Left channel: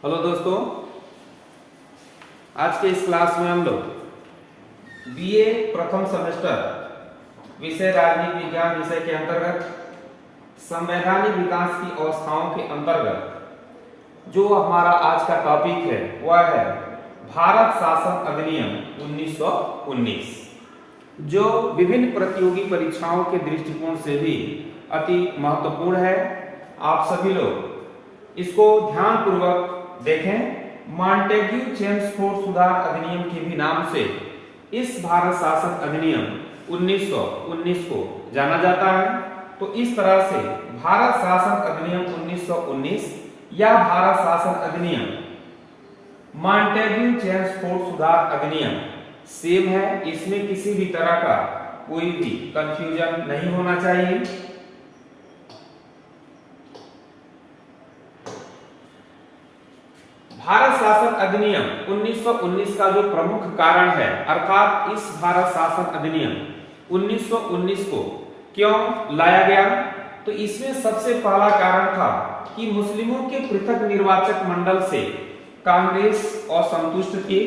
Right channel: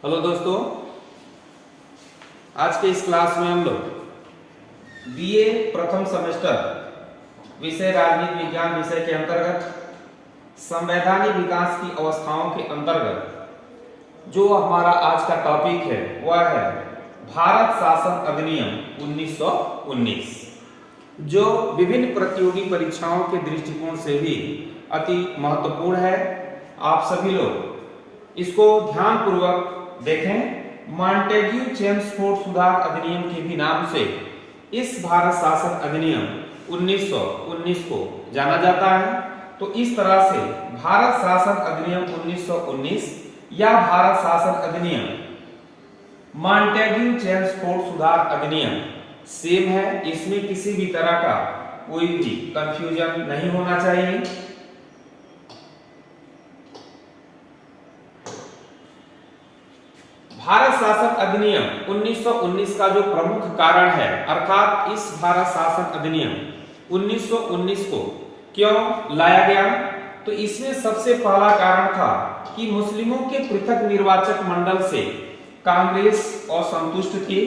Hello दोस्तों, आज के इस क्लास में हम लोग बीए प्रथम सेमेस्टर विषय राजनीति विज्ञान विषय के अंतर्गत संवैधानिक विकास की अवस्थाओं के अंतर्गत जो हमारा आज का टॉपिक है वह है भारत शासन अधिनियम 1919, जो विभिन्न प्रतियोगी परीक्षाओं के दृष्टिकोण से भी अति महत्वपूर्ण है। आप सभी लोग इसको ध्यानपूर्वक देखें। मॉन्टेग्यू चेम्सफोर्ड सुधार अधिनियम के भी नाम से इस भारत शासन अधिनियम 1919 को जाना जाता है। तो इस तरह से भारत शासन अधिनियम 1919 या भारत शासन अधिनियम मॉन्टेग्यू चेम्सफोर्ड सुधार अधिनियम सेम है। इसमें किसी भी तरह का कोई भी कंफ्यूजन नहीं होना चाहिए। भारत शासन अधिनियम 1919 का जो प्रमुख कारण है, अर्थात इस भारत शासन अधिनियम 1919 को क्यों लाया गया, तो इसमें सबसे पहला कारण था कि मुस्लिमों के पृथक निर्वाचक मंडल से कांग्रेस असंतुष्ट थी।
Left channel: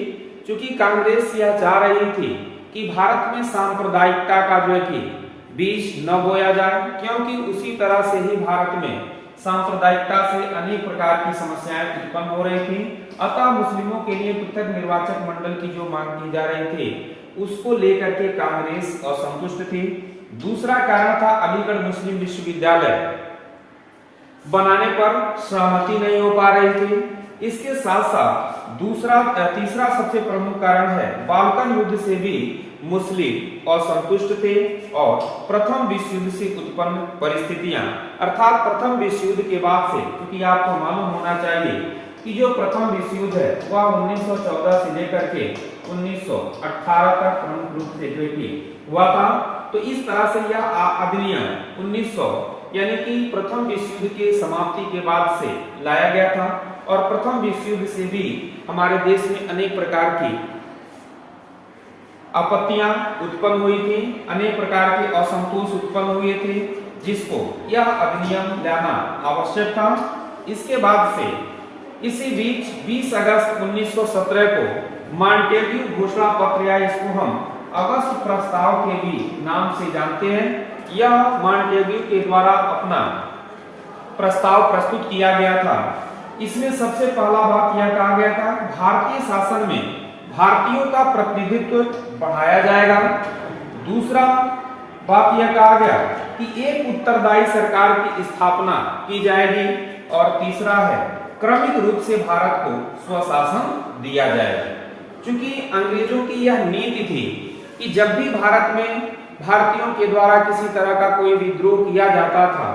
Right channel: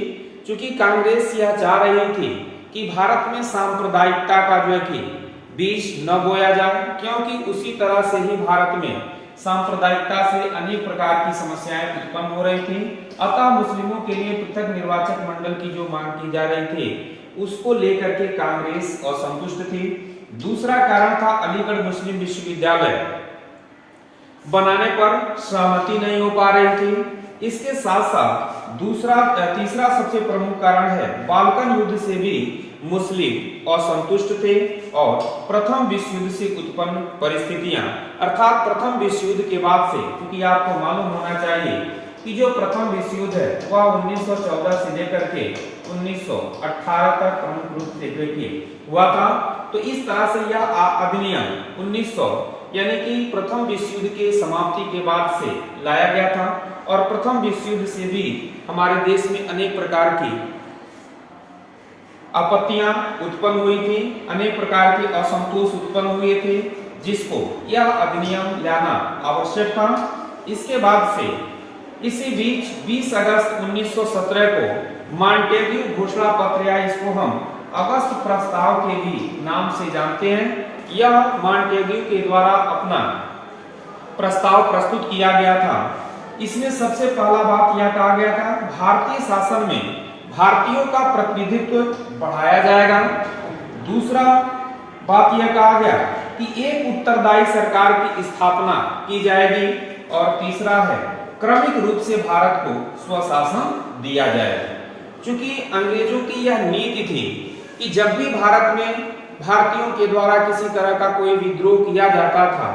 क्योंकि कांग्रेस यह चाह रही थी कि भारत में सांप्रदायिकता का जो है कि बीज न बोया जाए, क्योंकि उसी तरह से ही भारत में सांप्रदायिकता से अनेक प्रकार की समस्याएं उत्पन्न हो रही थी। अतः मुस्लिमों के लिए पृथक निर्वाचक मंडल की जो मांग की जा रही थी उसको लेकर के कांग्रेस असंतुष्ट थी। दूसरा कारण था अलीगढ़ मुस्लिम विश्वविद्यालय बनाने पर सहमति नहीं हो पा रही थी। इसके साथ साथ तीसरा सबसे प्रमुख कारण है बाल्कन युद्ध से भी मुस्लिम असंतुष्ट थे और प्रथम विश्व युद्ध से उत्पन्न परिस्थितियां, अर्थात प्रथम विश्व युद्ध के बाद से, क्योंकि आपको मालूम होना चाहिए कि जो प्रथम विश्व युद्ध है वह 1914 से लेकर के 1918 तक प्रमुख रूप से जो हुआ था। तो इस तरह से यह अधिनियम 1900 यानी कि प्रथम विश्व युद्ध के समाप्ति के बाद से लाया गया था। और प्रथम विश्व युद्ध से भी हमारे देश में अनेक प्रकार की आपत्तियां उत्पन्न हुई थी, अनेक प्रकार के असंतोष उत्पन्न हुए थे, जिसको यह अधिनियम लाना आवश्यक था। इसके बाद से इसी बीच 20 अगस्त 1917 को मॉन्टेग्यू घोषणा पत्र, या इसको हम अगस्त प्रस्ताव के भी नाम से जानते हैं, यह मॉन्टेग्यू के द्वारा अपना प्रस्ताव प्रस्तुत किया गया था। इसमें सबसे पहला बात यह कहा गया था भारतीय शासन में भारतीयों का प्रतिनिधित्व बढ़ाया जाएगा। दूसरा बात यह कहा गया कि एक उत्तरदायी सरकार की स्थापना की जाएगी। और तीसरा है क्रमिक रूप से भारत को स्वशासन दिया जाएगा। क्योंकि अंग्रेजों की यह नीति थी कि जब भी भारत में भारतीयों के द्वारा किसी तरह का कोई विद्रोह किया जाता था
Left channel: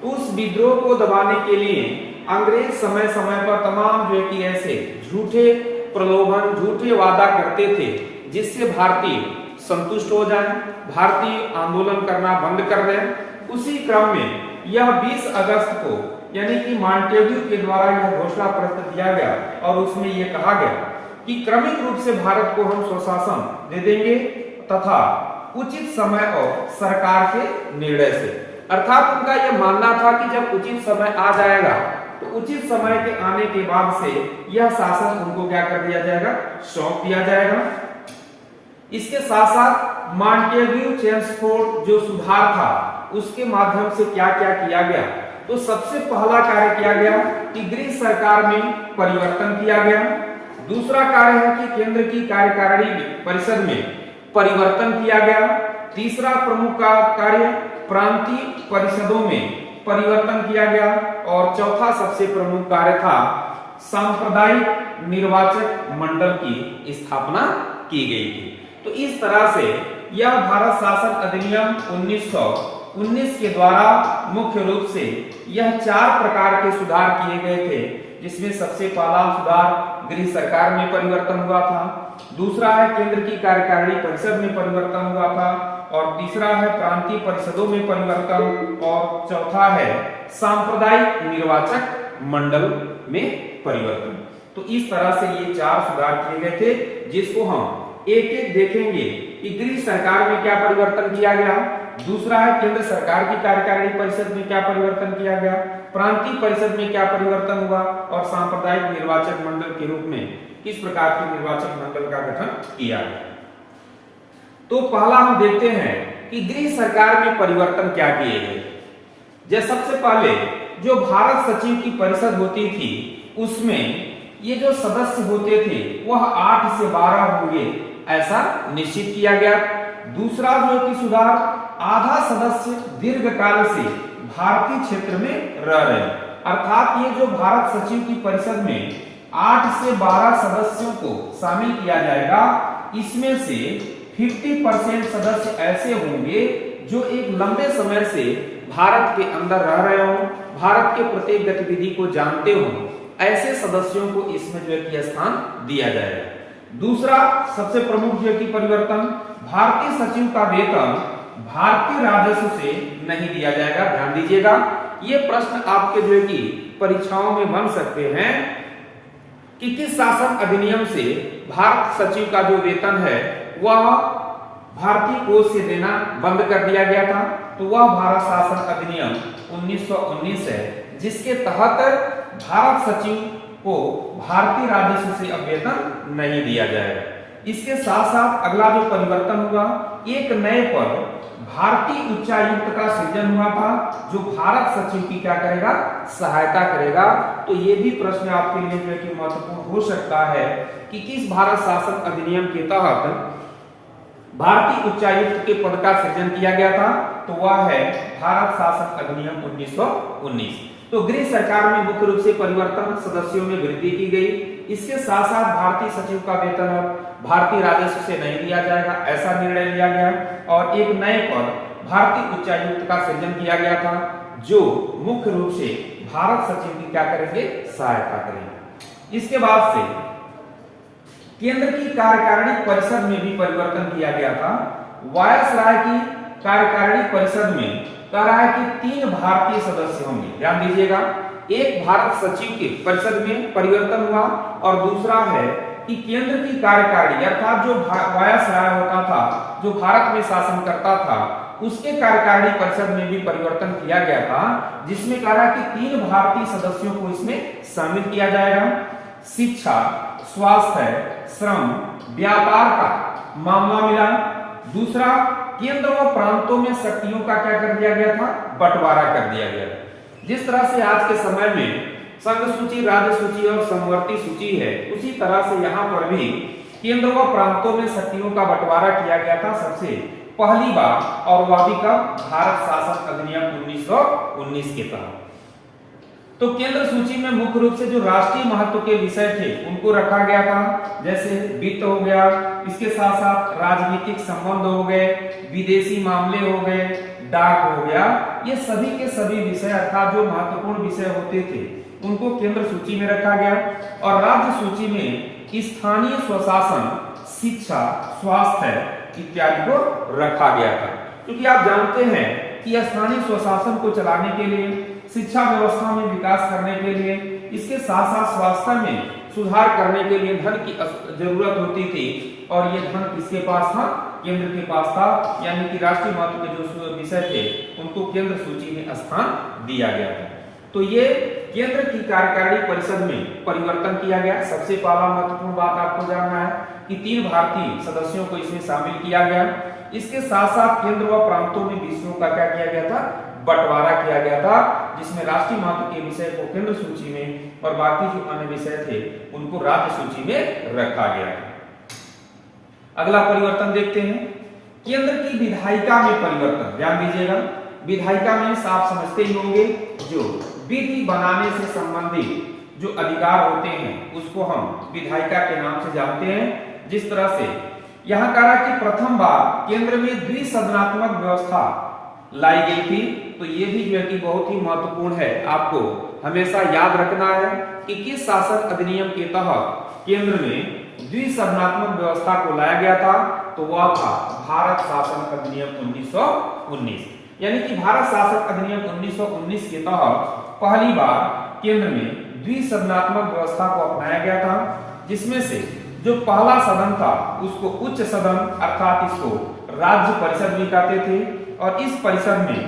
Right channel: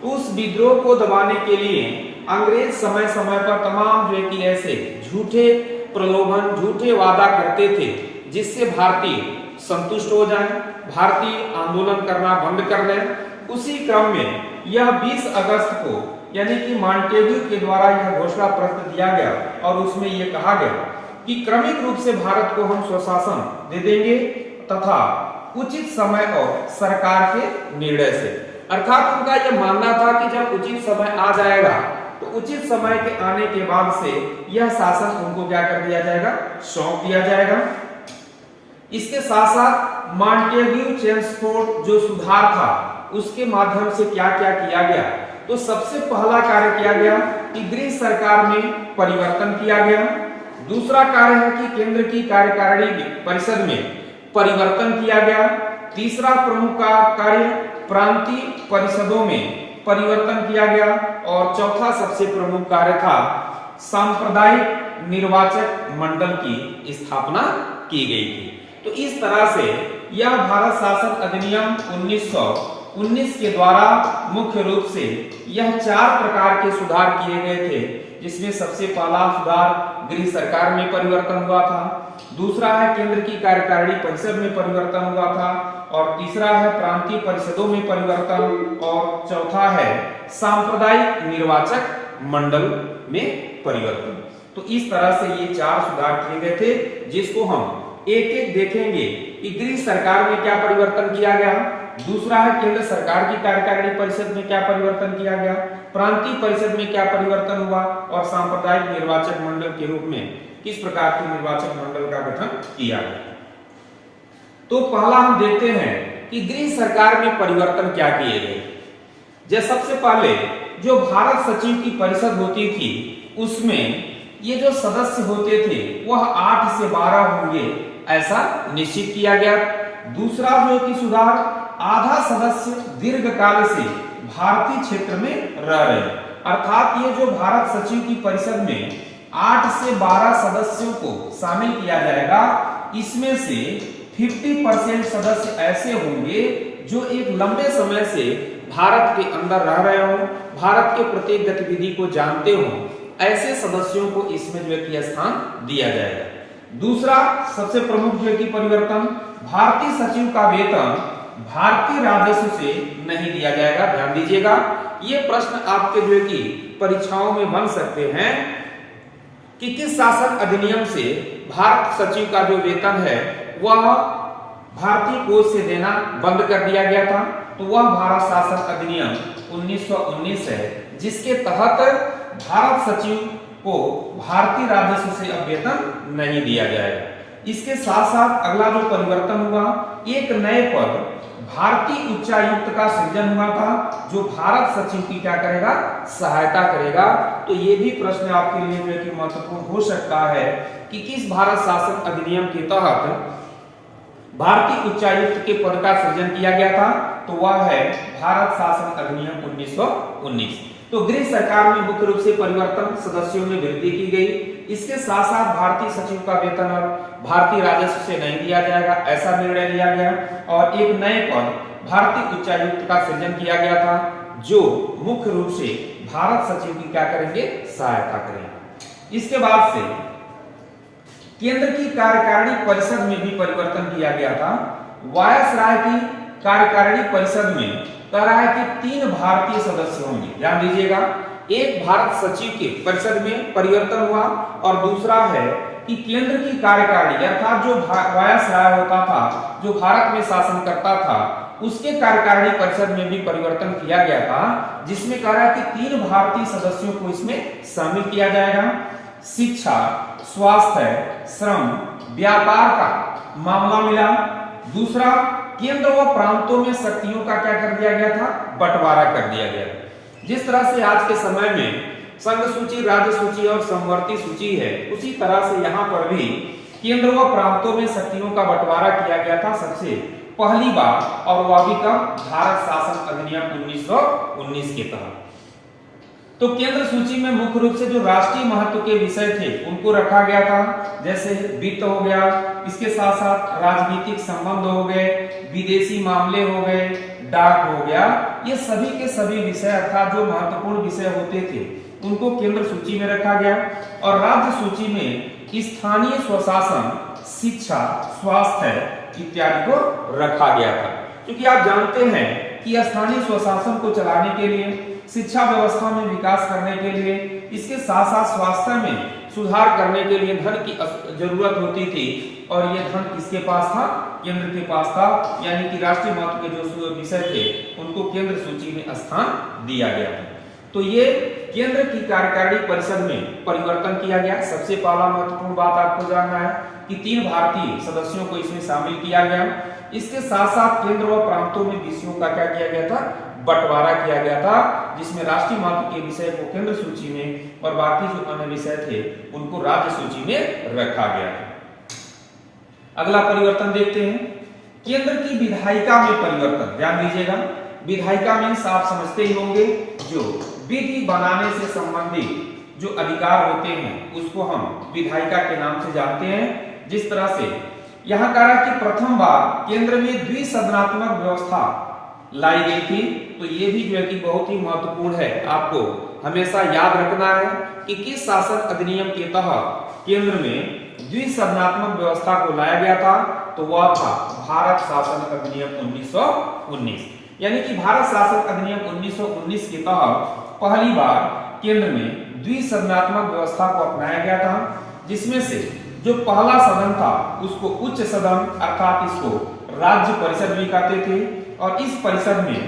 तो उस विद्रोह को दबाने के लिए अंग्रेज समय समय पर तमाम जो है कि ऐसे झूठे प्रलोभन, झूठे वादा करते थे, जिससे भारतीय संतुष्ट हो जाएं, भारतीय आंदोलन करना बंद कर दें। उसी क्रम में यह 20 अगस्त को यानी कि मॉन्टेग्यू के द्वारा यह घोषणा पत्र दिया गया और उसमें यह कहा गया कि क्रमिक रूप से भारत को हम स्वशासन दे देंगे तथा उचित समय और सरकार के निर्णय से। अर्थात उनका यह मानना था कि जब उचित समय आ जाएगा तो उचित समय के आने के बाद से यह शासन उनको क्या कर दिया जाएगा, सौंप दिया जाएगा। इसके साथ साथ मॉन्टेग्यू चेम्सफोर्ड जो सुधार था उसके माध्यम से क्या क्या किया गया, तो सबसे पहला कार्य किया गया कि गृह सरकार में परिवर्तन किया गया। दूसरा कार्य है कि केंद्र की कार्यकारिणी परिषद में परिवर्तन किया गया। तीसरा प्रमुख कार्य प्रांतीय परिषदों में परिवर्तन किया गया। और चौथा सबसे प्रमुख कार्य था सांप्रदायिक निर्वाचक मंडल की स्थापना की गई थी। तो इस तरह से यह भारत शासन अधिनियम 1919 के द्वारा मुख्य रूप से यह 4 प्रकार के सुधार किए गए थे, जिसमें सबसे पहला सुधार गृह सरकार में परिवर्तन हुआ था। दूसरा है केंद्र की कार्यकारिणी परिषद में परिवर्तन हुआ था। और तीसरा है प्रांतीय परिषदों में परिवर्तन। और चौथा है सांप्रदायिक निर्वाचक मंडल में परिवर्तन। तो इस तरह से ये 4 सुधार किए गए थे, जिसको हम एक एक देखेंगे कि गृह सरकार में क्या परिवर्तन किया गया, दूसरा है केंद्र सरकार की कार्यकारिणी परिषद में क्या परिवर्तन किया गया, प्रांतीय परिषद में क्या परिवर्तन हुआ और सांप्रदायिक निर्वाचक मंडल के रूप में किस प्रकार के निर्वाचक मंडल का गठन किया गया। तो पहला हम देखते हैं कि गृह सरकार में परिवर्तन क्या किए गए। जैसे सबसे पहले जो भारत सचिव की परिषद होती थी उसमें ये जो सदस्य होते थे वह 8 से 12 होंगे ऐसा निश्चित किया गया। दूसरा जो कि सुधार, आधा सदस्य दीर्घकाल से भारतीय क्षेत्र में रह रहे, अर्थात ये जो भारत सचिव की परिषद में 8 से 12 सदस्यों को शामिल किया जाएगा, इसमें से 50% सदस्य ऐसे होंगे जो एक लंबे समय से भारत के अंदर रह रहे हो, भारत के प्रत्येक गतिविधि को जानते हो, ऐसे सदस्यों को इसमें जो है स्थान दिया जाएगा। दूसरा सबसे प्रमुख जो है परिवर्तन, भारतीय सचिव का वेतन भारतीय राजस्व से नहीं दिया जाएगा। ध्यान दीजिएगा, ये प्रश्न आपके जो है कि परीक्षाओं में बन सकते हैं कि किस शासन अधिनियम से भारत सचिव का जो वेतन है वह भारतीय कोष से देना बंद कर दिया गया था। तो वह भारत शासन अधिनियम 1919 है, जिसके तहत भारत सचिव को भारतीय राजस्व से अब वेतन नहीं दिया जाएगा। इसके साथ साथ अगला जो परिवर्तन हुआ, एक नए पद भारतीय उच्चायुक्त का सृजन हुआ था जो भारत सचिव की क्या करेगा, सहायता करेगा। तो ये भी प्रश्न आपके लिए जो है कि महत्वपूर्ण हो सकता है कि किस भारत शासन अधिनियम के तहत भारतीय उच्चायुक्त के पद का सृजन किया गया था। तो वह है भारत शासन अधिनियम 1919। तो गृह सरकार में मुख्य रूप से परिवर्तन, सदस्यों में वृद्धि की गई। इसके साथ साथ भारतीय सचिव का वेतन अब भारतीय राजस्व से नहीं दिया जाएगा, ऐसा निर्णय लिया गया और एक नए पद भारतीय उच्चायुक्त का सृजन किया गया था जो मुख्य रूप से भारत सचिव की क्या करेंगे, सहायता करेंगे। इसके बाद से केंद्र की कार्यकारिणी परिषद में भी परिवर्तन किया गया था। वायसराय की कार्यकारिणी परिषद में कह रहा है कि 3 भारतीय सदस्य होंगे। ध्यान दीजिएगा, एक भारत सचिव के परिषद में परिवर्तन हुआ और दूसरा है कि केंद्र की कार्यकारिणी अर्थात जो वायसराय होता था, जो भारत में शासन करता था, उसके कार्यकारिणी परिषद में भी परिवर्तन किया गया था, जिसमें कह रहा है कि 3 भारतीय सदस्यों को इसमें शामिल किया जाएगा। शिक्षा, स्वास्थ्य, श्रम, व्यापार का मामला मिला। दूसरा, केंद्र व प्रांतों में शक्तियों का क्या कर दिया गया था, बंटवारा कर दिया गया। जिस तरह से आज के समय में संघ सूची, राज्य सूची और समवर्ती सूची है, उसी तरह से यहाँ पर भी केंद्र व प्रांतों में शक्तियों का बंटवारा किया गया था सबसे पहली बार, और वह भी कब, भारत शासन अधिनियम 1919 के तहत। तो केंद्र सूची में मुख्य रूप से जो राष्ट्रीय महत्व के विषय थे उनको रखा गया था, जैसे वित्त हो गया, इसके साथ साथ राजनीतिक संबंध हो गए, विदेशी मामले हो गए, डाक हो गया। ये सभी के सभी विषय अर्थात जो महत्वपूर्ण विषय होते थे उनको केंद्र सूची में रखा गया और राज्य सूची में स्थानीय स्वशासन, शिक्षा, स्वास्थ्य इत्यादि को रखा गया था। क्योंकि आप जानते हैं कि स्थानीय स्वशासन को चलाने के लिए, शिक्षा व्यवस्था में विकास करने के लिए, इसके साथ साथ स्वास्थ्य में सुधार करने के लिए धन की जरूरत होती थी और ये धन किसके पास था, केंद्र के पास था। यानी कि राष्ट्रीय महत्व के जो विषय थे उनको केंद्र सूची में स्थान दिया गया था। तो ये केंद्र की कार्यकारिणी परिषद में परिवर्तन किया गया। सबसे पहला महत्वपूर्ण बात आपको जानना है कि 3 भारतीय सदस्यों को इसमें शामिल किया गया। इसके साथ साथ केंद्र व प्रांतों में विषयों का क्या किया गया था, बंटवारा किया गया था, जिसमें राष्ट्रीय महत्व के विषय को केंद्र सूची में और बाकी जो अन्य विषय थे उनको राज्य सूची में रखा गया है। अगला परिवर्तन देखते हैं, केंद्र की विधायिका में परिवर्तन। ध्यान दीजिएगा, विधायिका में आप समझते ही होंगे जो विधि बनाने से संबंधित जो अधिकार होते हैं उसको हम विधायिका के नाम से जानते हैं। जिस तरह से यहां कह रहा है कि प्रथम बार केंद्र में द्विसदनात्मक व्यवस्था लाई गई थी। तो ये भी जो है कि बहुत ही महत्वपूर्ण है, आपको हमेशा याद रखना है कि किस शासन अधिनियम के तहत केंद्र में द्विसदनात्मक व्यवस्था को लाया गया था। तो वह था भारत शासन अधिनियम 1919। यानी कि भारत शासन अधिनियम 1919 के तहत पहली बार केंद्र में द्विसदनात्मक व्यवस्था को अपनाया गया था, जिसमें से जो पहला सदन था उसको उच्च सदन अर्थात इसको राज्य परिषद भी कहते थे और इस परिषद में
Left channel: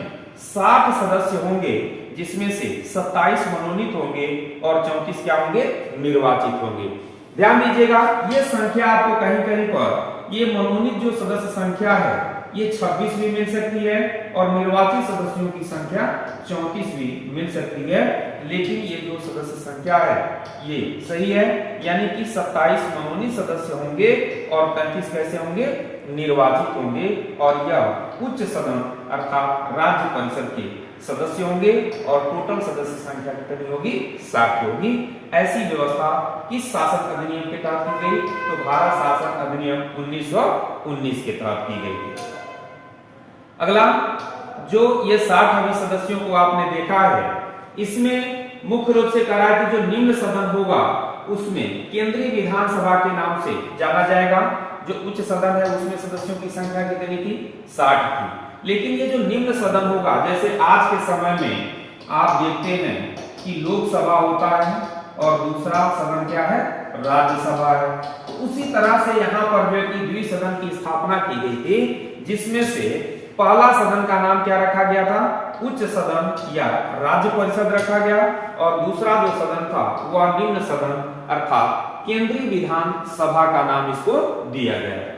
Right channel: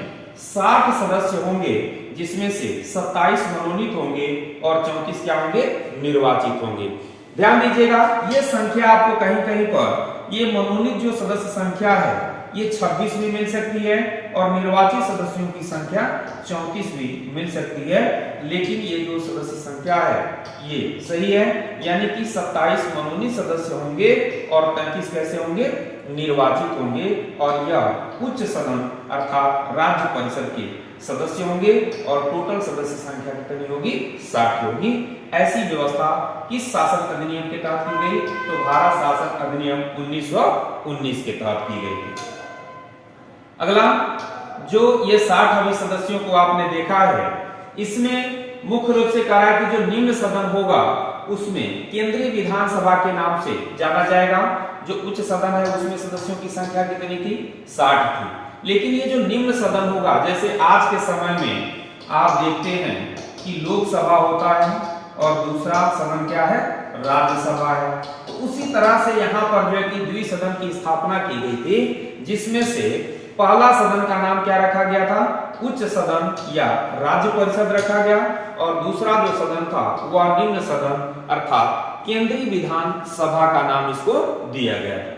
60 सदस्य होंगे, जिसमें से 27 मनोनीत होंगे और 34 क्या होंगे, निर्वाचित होंगे। ध्यान दीजिएगा, ये संख्या आपको कहीं कहीं पर ये मनोनीत जो सदस्य संख्या है ये 26 भी मिल सकती है और निर्वाचित सदस्यों की संख्या 34 भी मिल सकती है, लेकिन ये जो सदस्य संख्या है ये सही है, यानी कि 27 मनोनीत सदस्य होंगे और 35 कैसे होंगे, निर्वाचित होंगे और यह उच्च सदन अर्थात राज्य परिषद के सदस्य होंगे और टोटल सदस्य संख्या कितनी होगी, 60 होगी। ऐसी व्यवस्था किस शासन अधिनियम के तहत की गई, तो भारत शासन अधिनियम 1919 के तहत की गई थी। अगला जो ये 60 अभी सदस्यों को आपने देखा है, इसमें मुख्य रूप से कहा है कि जो निम्न सदन होगा उसमें केंद्रीय विधानसभा के नाम से जाना जाएगा। जो उच्च सदन है उसमें सदस्यों की संख्या कितनी थी, 60 थी। लेकिन ये जो निम्न सदन होगा, जैसे आज के समय में आप देखते हैं कि लोकसभा होता है और दूसरा सदन क्या है, राज्यसभा है। तो उसी तरह से यहाँ पर जो है कि द्विसदन की स्थापना की गई थी, जिसमें से पहला सदन का नाम क्या रखा गया था, उच्च सदन या राज्य परिषद रखा गया और दूसरा जो सदन था वह निम्न सदन अर्थात केंद्रीय विधान सभा का नाम इसको दिया गया है।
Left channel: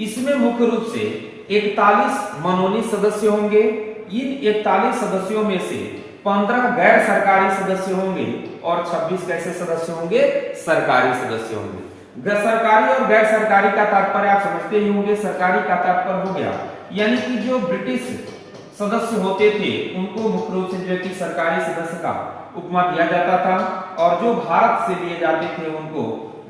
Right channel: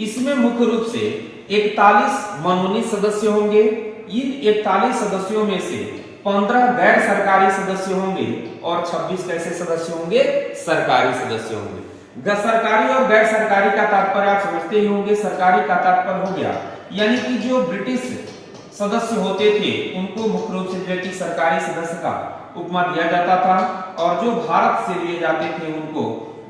इसमें मुख्य रूप से 41 मनोनीत सदस्य होंगे। इन 41 सदस्यों में से 15 गैर सरकारी सदस्य होंगे और 26 कैसे सदस्य होंगे, सरकारी सदस्य होंगे। सरकारी और गैर सरकारी का तात्पर्य आप समझते ही होंगे। सरकारी का तात्पर्य हो गया यानी कि जो ब्रिटिश सदस्य होते थे उनको मुख्य रूप से जो कि सरकारी सदस्य का उपमा दिया जाता था और जो भारत से लिए जाते थे उनको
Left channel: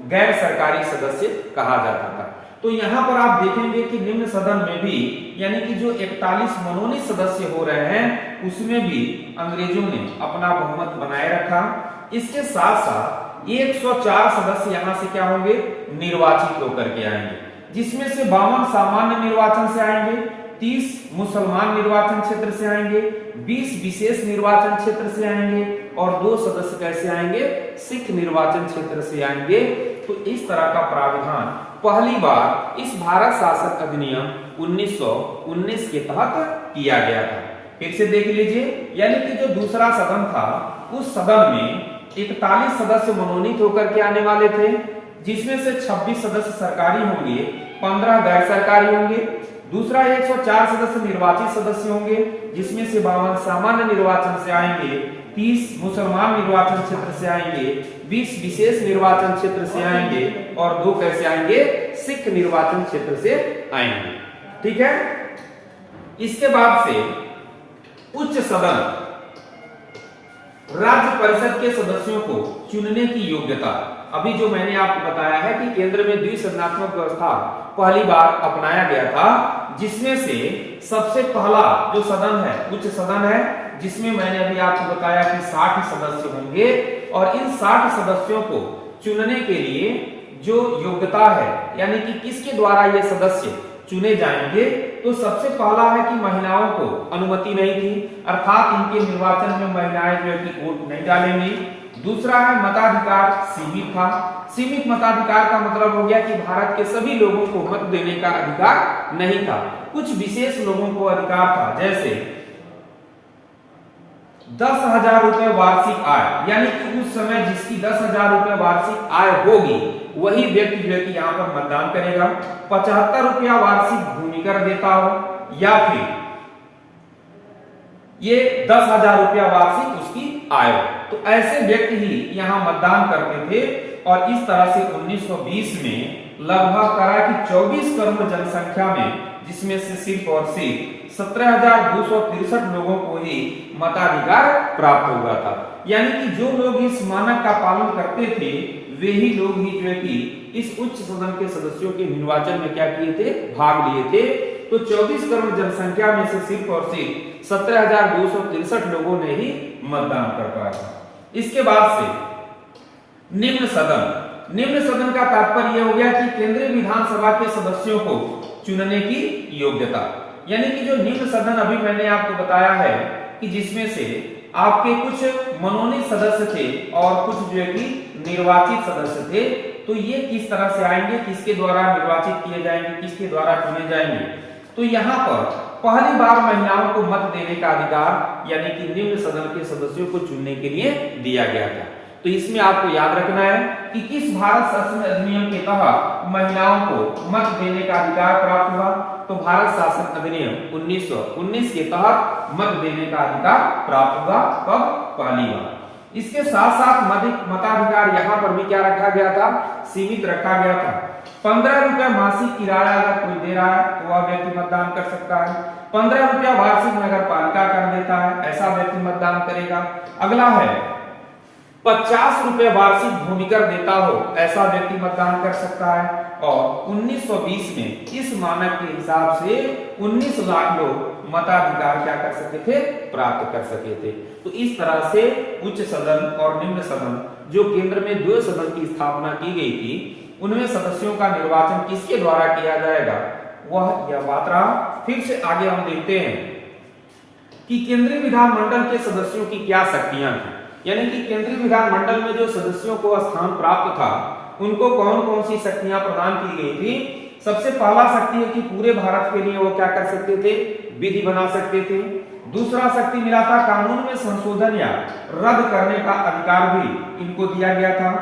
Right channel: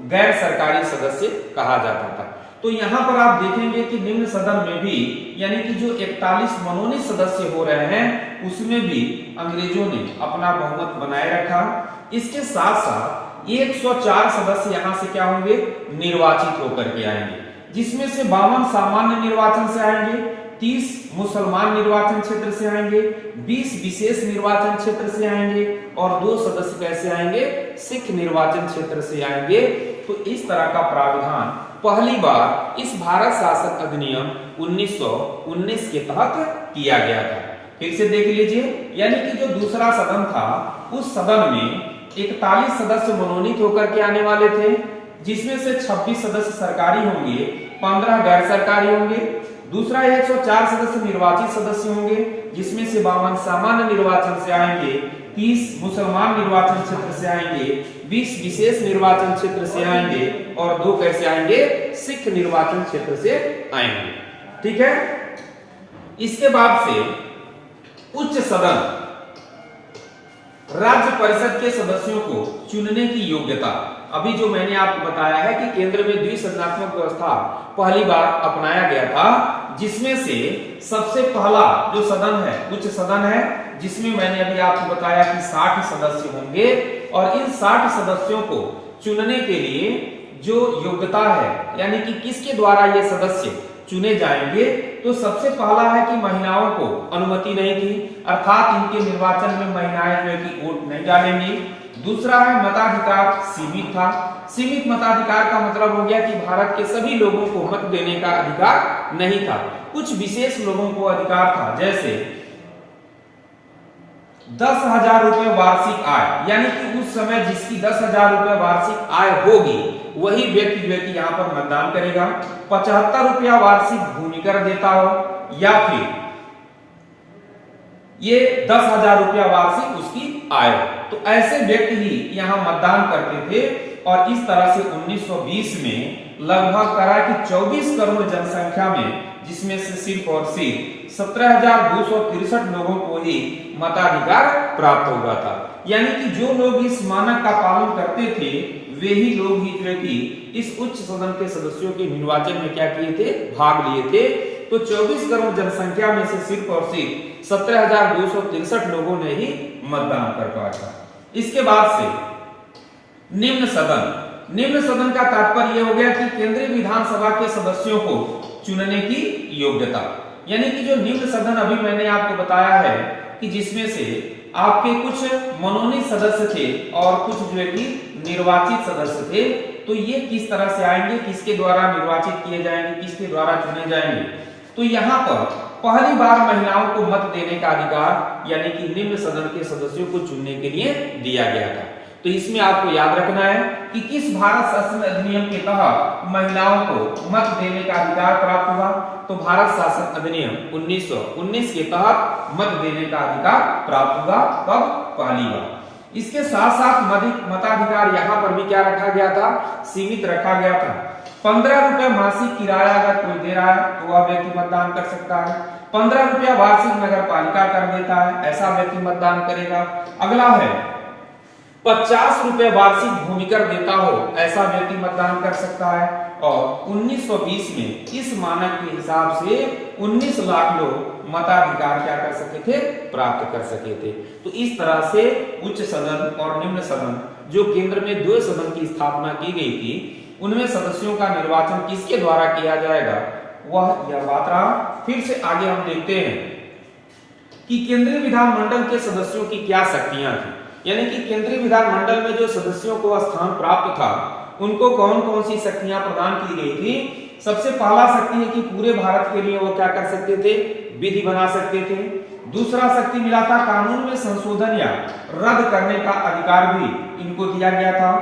गैर सरकारी सदस्य कहा जाता था। तो यहाँ पर आप देखेंगे कि निम्न सदन में भी यानी कि जो 41 मनोनीत सदस्य हो रहे हैं उसमें भी अंग्रेजों ने अपना बहुमत बनाए रखा। इसके साथ साथ 104 सदस्य यहाँ से क्या होंगे, निर्वाचित होकर के आएंगे, जिसमें से 52 सामान्य निर्वाचन से आएंगे, 30 मुसलमान निर्वाचन क्षेत्र से आएंगे, 20 विशेष निर्वाचन क्षेत्र से आएंगे और 2 सदस्य कैसे आएंगे, सिख निर्वाचन क्षेत्र से आएंगे। तो इस तरह का प्रावधान पहली बार इस भारत शासन अधिनियम 1919 के तहत किया गया था। फिर से देख लीजिए, यानी कि जो दूसरा सदन था उस सदन में 41 सदस्य मनोनीत होकर के आने वाले थे, जिसमें से 26 सदस्य सरकारी होंगे, 15 गैर सरकारी होंगे। दूसरा 104 सदस्य निर्वाचित सदस्य होंगे, जिसमें से 52 सामान्य निर्वाचन से आएंगे, 30 मुसलमान निर्वाचन क्षेत्र से आएंगे, 20 विशेष निर्वाचन क्षेत्र से आएंगे और 2 कैसे आएंगे, सिख निर्वाचन क्षेत्र से आएंगे। ठीक है। इसके बाद से उच्च सदन राज्य परिषद के सदस्यों को चुनने की योग्यता, अभी जो मैंने आपको बताया है कि केंद्र में द्विसदनात्मक व्यवस्था पहली बार अपनाया गया था, जिसमें से सबसे पहला जो सदन है उच्च सदन है, जिसमें मैंने अभी आपको बताया कि 60 सदस्य होंगे और इन 60 सदस्यों को चुनने के लिए जो योग्यता है यानी कि किसके द्वारा ये सदस्य चुने जाएंगे, तो सबसे पहला है कि महिलाओं को अनुमति नहीं थी, अर्थात इनके निर्वाचन में महिलाएं जो है कि वोट नहीं डालेंगी। दूसरा है मताधिकार सीमित था। सीमित मताधिकार का मतलब हो गया कि भारत के सभी लोगों को मत देने का अधिकार नहीं था, कुछ विशेष लोगों को अधिकार था, जैसे 10,000 रुपए वार्षिक आय, यानी कि उस समय जिसकी 10,000 रुपए वार्षिक आय होगी वही व्यक्ति जो है कि यहाँ पर मतदान करेगा। 75 रुपया वार्षिक भूमि कर देता हो या फिर ये 10,000 रुपया वार्षिक उसकी आय हो, तो ऐसे व्यक्ति ही यहाँ मतदान करते थे। और इस तरह से 1920 में लगभग कहा कि 24 करोड़ जनसंख्या में, जिसमें से सिर्फ और सिर्फ 17,263 लोगों को ही मताधिकार प्राप्त हुआ था। यानी कि जो लोग इस मानक का पालन करते थे वे ही लोग ही जो है कि इस उच्च सदन के सदस्यों के निर्वाचन में क्या किए थे, भाग लिए थे। तो 24 करोड़ जनसंख्या में से सिर्फ और सिर्फ 17,263 लोगों ने ही मतदान कर पाया था। इसके बाद से निम्न सदन। निम्न सदन का तात्पर्य यह हो गया कि केंद्रीय विधानसभा के सदस्यों को चुनने की योग्यता, यानी कि जो निम्न सदन अभी मैंने आपको बताया है कि जिसमें से आपके कुछ मनोनीत सदस्य थे और कुछ जो है कि निर्वाचित सदस्य थे, तो ये किस तरह से आएंगे, किसके द्वारा निर्वाचित किए जाएंगे, किसके द्वारा चुने जाएंगे। तो यहाँ पर पहली बार महिलाओं को मत देने का अधिकार यानी कि निम्न सदन के सदस्यों को चुनने के लिए दिया गया था। तो इसमें आपको याद रखना है कि किस भारत शासन अधिनियम के तहत महिलाओं को मत देने का अधिकार प्राप्त हुआ। तो भारत शासन अधिनियम 1919 के तहत मत देने का अधिकार प्राप्त हुआ, कब? पहली बार। इसके साथ साथ मताधिकार यहाँ पर भी क्या रखा गया था? सीमित रखा गया था। 15 रुपया मासिक किराया अगर कोई दे रहा है तो वह व्यक्ति मतदान कर सकता है। 15 रुपया वार्षिक नगर पालिका कर देता है, ऐसा व्यक्ति मतदान करेगा। अगला है 50 रुपए वार्षिक भूमिकर देता हो, ऐसा व्यक्ति मतदान कर सकता है। और 1920 में इस मानक के हिसाब से 19 लाख लोग मताधिकार क्या कर सके थे? प्राप्त कर सके थे। तो इस तरह से उच्च सदन और निम्न सदन, जो केंद्र में 2 सदन की स्थापना की गई थी, उनमें सदस्यों का निर्वाचन किसके द्वारा किया जाएगा, वह यह बात रहा। फिर से आगे हम देखते हैं कि केंद्रीय विधानमंडल के सदस्यों की क्या शक्तियां थी, यानी कि केंद्रीय विधानमंडल में जो सदस्यों को स्थान प्राप्त था उनको कौन कौन सी शक्तियां प्रदान की गई थी। सबसे पहला शक्ति है कि पूरे भारत के लिए वो क्या कर सकते थे? विधि बना सकते थे। दूसरा शक्ति मिला था कानून में संशोधन या रद्द करने का अधिकार भी इनको दिया गया था।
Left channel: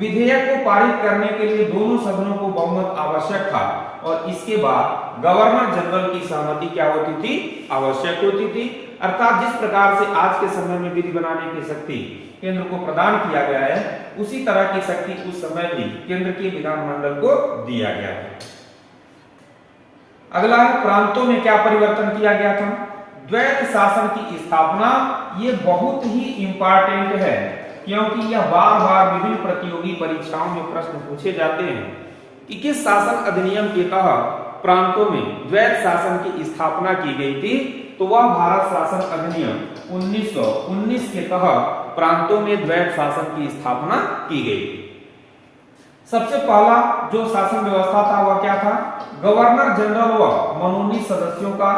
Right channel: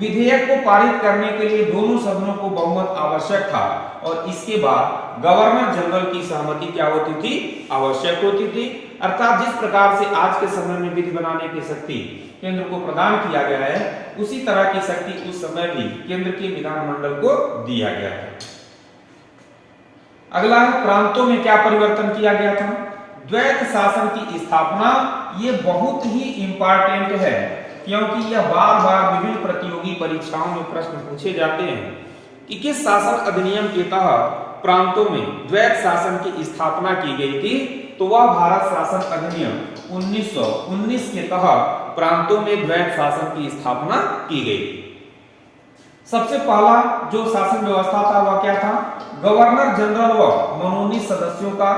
विधेयक को पारित करने के लिए दोनों सदनों को बहुमत आवश्यक था और इसके बाद गवर्नर जनरल की सहमति क्या होती थी? आवश्यक होती थी। अर्थात जिस प्रकार से आज के समय में विधि बनाने की शक्ति केंद्र को प्रदान किया गया है, उसी तरह की शक्ति उस समय भी केंद्र के विधानमंडल को दिया गया है। अगला है प्रांतों में क्या परिवर्तन किया गया था? द्वैत शासन की स्थापना, ये बहुत ही इंपॉर्टेंट है क्योंकि यह बार बार विभिन्न प्रतियोगी परीक्षाओं में प्रश्न पूछे जाते हैं कि किस शासन अधिनियम के तहत प्रांतों में द्वैत शासन की स्थापना की गई थी। तो वह भारत शासन अधिनियम 1919 के तहत प्रांतों में द्वैत शासन की स्थापना की गई थी। सबसे पहला जो शासन व्यवस्था था वह क्या था? गवर्नर जनरल व मनोनीत सदस्यों का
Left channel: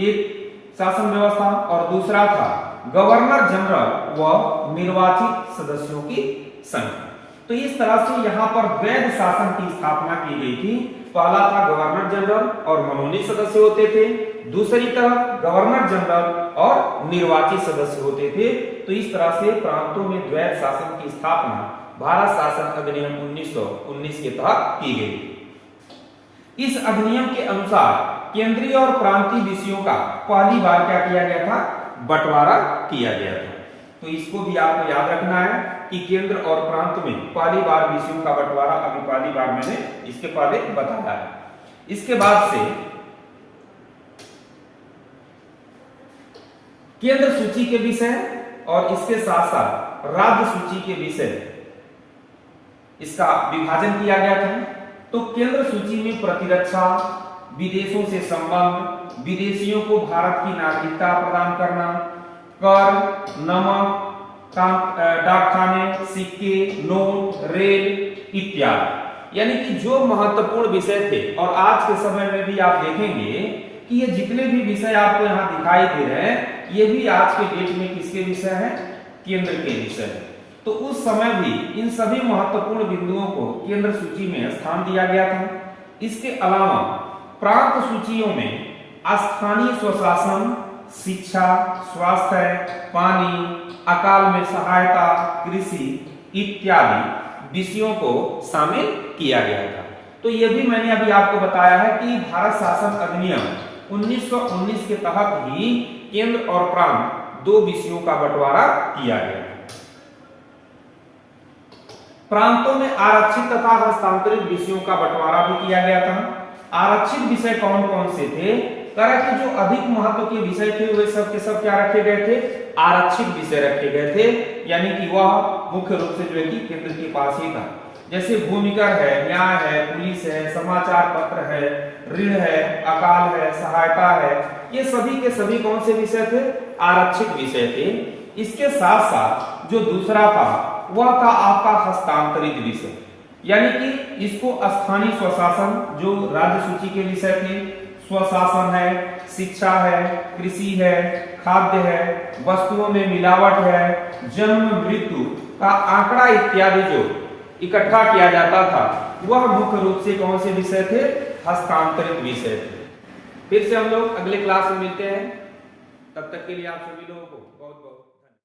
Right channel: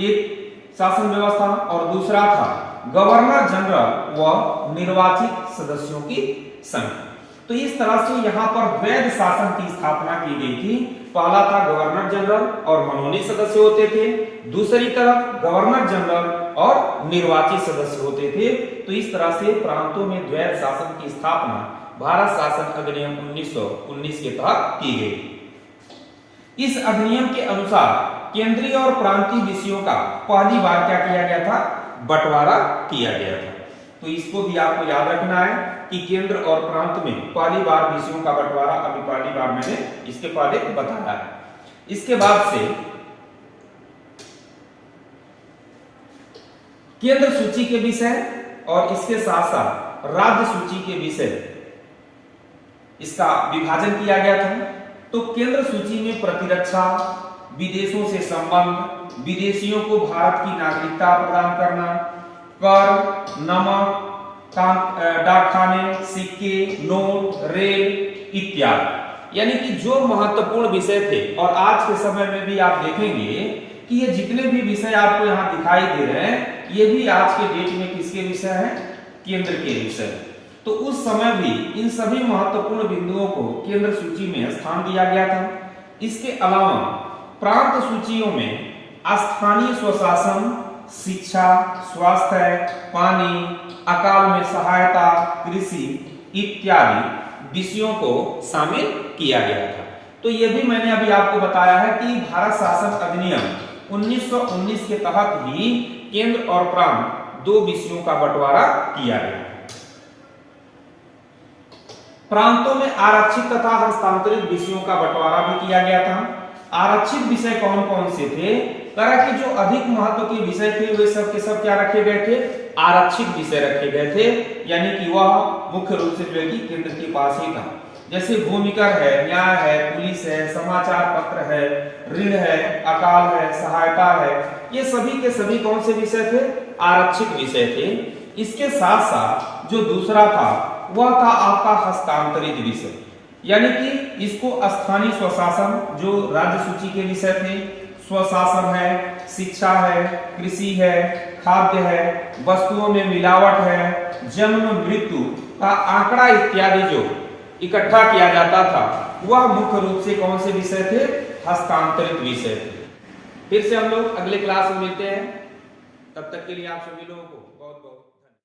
एक शासन व्यवस्था और दूसरा था गवर्नर जनरल व निर्वाचित सदस्यों की संख्या। तो इस तरह से यहाँ पर द्वैत शासन की स्थापना की गई थी। पहला था गवर्नर जनरल और मनोनीत सदस्य होते थे, दूसरी तरफ गवर्नर जनरल और निर्वाचित सदस्य होते थे। तो इस तरह से प्रांतों में द्वैत शासन की स्थापना भारत शासन अधिनियम 1919 के तहत की गई। इस अधिनियम के अनुसार केंद्रीय और प्रांतीय विषयों का पहली बार क्या किया गया था? बंटवारा किया गया था। तो इसको भी आपको याद रखना है कि केंद्र और प्रांत में पहली बार विषयों का बंटवारा अभी पहली बार मैंने इसके पहले बताया है। इसके बाद से केंद्र सूची के विषय और इसके साथ साथ राज्य सूची के विषय इसका विभाजन किया गया था। तो केंद्र सूची में प्रतिरक्षा, विदेशों से संबंध, विदेशियों को भारत की नागरिकता प्रदान करना, कर, नमक, डाकखाने, सिक्के, नोट, रेल इत्यादि, यानी कि जो महत्वपूर्ण विषय थे। और आज के समय में भी आप देखेंगे कि ये जितने भी विषय आपको यहाँ दिखाई दे रहे हैं, ये भी आज के डेट में किसके विषय हैं? केंद्र के विषय। तो उस समय भी इन सभी महत्वपूर्ण बिंदुओं को केंद्र सूची में स्थान दिया गया था। इसके अलावा प्रांत सूचियों में स्थानीय स्वशासन, शिक्षा, स्वास्थ्य, पानी, अकाल में सहायता, कृषि इत्यादि विषयों को शामिल किया गया था। तो ये भी मैंने अभी आपको बताया है कि भारत शासन अधिनियम 1919 के तहत ही केंद्र और प्रांत 2 विषयों का बंटवारा किया गया। प्रांतों में आरक्षित तथा हस्तांतरित विषयों का बंटवारा भी किया गया था। आरक्षित विषय कौन कौन से थे? करा कि जो अधिक महत्व के विषय थे वे सब के सब क्या रखे गए थे? आरक्षित विषय रखे गए थे, यानी कि वह मुख्य रूप से जो है कि केंद्र के पास ही था। जैसे भूमिकर है, न्याय है, पुलिस है, समाचार पत्र है, ऋण है, अकाल है, सहायता है, ये सभी के सभी कौन से विषय थे? आरक्षित विषय थे। इसके साथ साथ जो दूसरा था वह था आपका हस्तांतरित विषय, यानी कि इसको स्थानीय स्वशासन, जो राज्य सूची के विषय थे, स्वशासन है, शिक्षा है, कृषि है, खाद्य है, वस्तुओं में मिलावट है, जन्म मृत्यु का आंकड़ा इत्यादि जो इकट्ठा किया जाता था, वह मुख्य रूप से कौन से विषय थे? हस्तांतरित विषय थे। फिर से हम लोग अगले क्लास में मिलते हैं, तब तक के लिए आप सभी लोगों को